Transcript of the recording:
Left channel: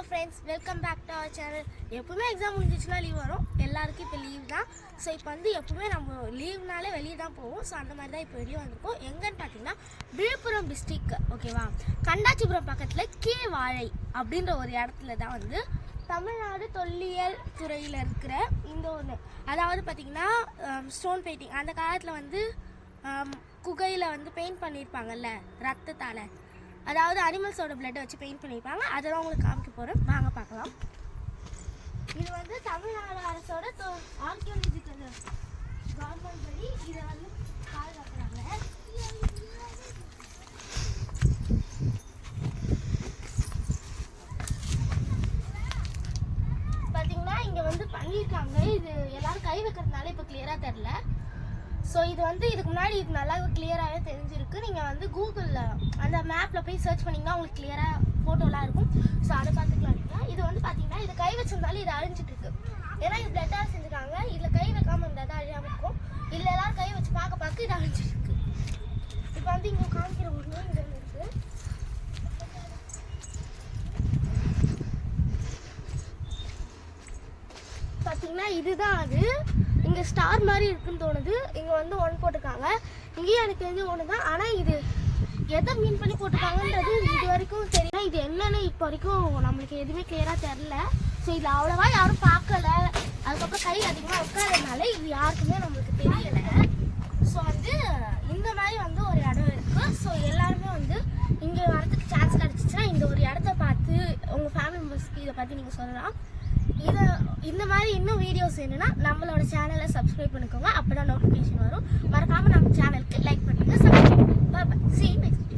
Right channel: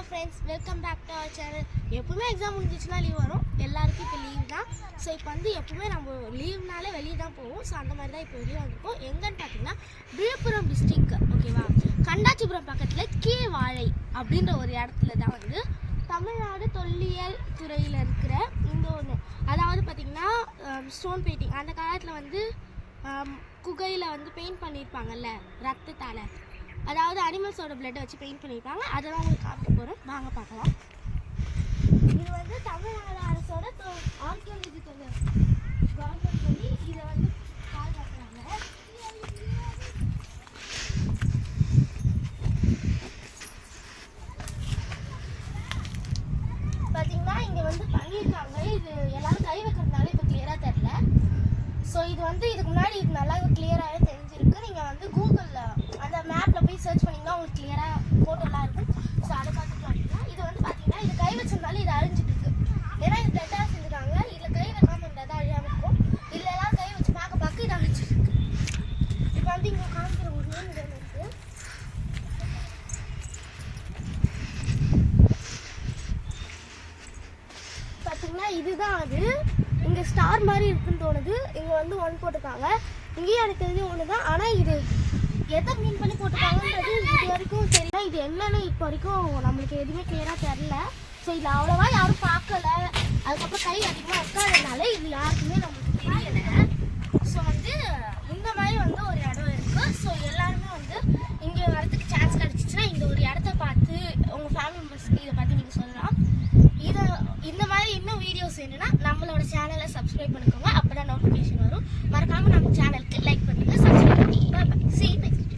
Hello friends, welcome back to our channel. எப்பவுமே exam முடிஞ்சிச்சுன்னா leave வரும். எல்லாருக்கும் இப்போ லீவ் தான். ஸோ இப்போ வந்து எப்பவுமே நம்ம லீவ்னாலே வெளியே தான் போவோம். ஸோ அந்த மாதிரி தான் இப்போ வெளியே வந்திருக்கோம். எங்கன்னு பார்த்தீங்கன்னா விழுப்புரம் டிஸ்ட்ரிக், ஓகேவா, கண்டாச்சிபுரம் பக்கத்தில் கீழ்வாழை அப்படின்ற ஒரு இடத்துல தான் வந்து தமிழ்நாடு தொல்லியல் துறையில் இருக்கிற இந்த ஒன்று, அதாவது பார்த்திங்கன்னா ஸ்டோன் பெயிண்டிங். அந்த காலத்தில் வந்து குகையில் வந்து பெயிண்ட் பண்ணியிருப்பாங்கல்ல ரத்தத்தால், அதாவது அனிமல்ஸோட பிளட்டை வச்சு பெயிண்ட் பண்ணியிருப்பாங்க. அதெல்லாம் உங்களுக்கு காமிக்க போகிறேன், வாங்க பார்க்கலாம். இது வந்து தமிழ்நாடு அரசோட ஆர்கியாலஜிக்கல் கவர்மெண்ட் சொல்லி இதை வந்து பாதுகாக்கிறாங்க. பார்த்தீங்கன்னா இங்கே வந்து பண்ணியிருக்காங்க. இது எல்லாரும் கை வைக்கிறதுனால இப்போ கிளியராக தெரில. ஸோ இது வந்து இதுக்கு முன்னாடி இது நல்லா கிளியராகவே தெரிஞ்சிருக்கு. நீங்கள் வந்து கூகுளில் அந்த மேப்பில் போய் சர்ச் பண்ணிங்கன்னா உங்களுக்கு கிளியராக ஃபோட்டோலாம் இருக்கும். ஸோ அதை பார்த்துக்கலாம். இது வந்து பார்த்தீங்கன்னா இது கை வச்சிருந்தாலும் இது அழிஞ்சிட்டு இருக்கு. ஏன்னா இது பிளட்டாக செஞ்சுருக்காங்க. இதில் கை வைக்காமல் இருந்தால் தான் அழியாமல் இருக்கும். இதில் எல்லாம் கை வச்சு பார்க்க இது அழிஞ்சிட்டு இருக்கு. இப்போ வந்து இங்கே காமிக்கிற ஒரு ரூம் இது இருக்குது. பார்த்தீங்கன்னா இதுதான் அது. இங்கே ஸ்டார் மாதிரி இருக்குன்னு தோணுது. இங்கே வந்து ஒன் போட்டிருக்காங்க. இங்கேயும் எனக்கு தெரிஞ்ச ஒன்று தான். ஆனால் இது எதை மீன் பண்ணி போட்டிருக்காங்கன்றது இது வரைக்கும் தெரியல. இது என்னன்னு இப்போ வரைக்கும் நம்மளுக்கு எதுவுமே கிளியராக தெரில. ஸோ இது அவ்வளோவா யாரும் பார்க்கல. அதுக்கப்புறம் கை அதிகமாக வைக்காததுனால இது யாருக்குமே நம்மளுக்கு தெரியலை. ஸோ வந்து இந்த மாதிரி வந்து ஒரு இடம் இருக்குது. ஸோ எல்லாருமே வந்து இங்கே வரதுக்கு சான்ஸ் கிடச்சிச்சின்னா இந்த ஒரு இடத்த பார்த்து உங்கள் ஃபேமிலி மெம்பர்ஸ்க்கு இதை பற்றி நீங்கள் சொல்லலாம். இந்த மாதிரி இன்னும் வீடியோஸ் வேணும்னா நம்மளோட சேனலை சப்ஸ்கிரைப் பண்ணிக்கோங்க. அப்போ தான் நோட்டிஃபிகேஷன் வரும். மறக்காமல் நம்ம சேனலுக்கு லைக் பண்ணுங்கள், சப்ஸ்கிரைப் பண்ணுங்கள். பாய் பாய். See you next.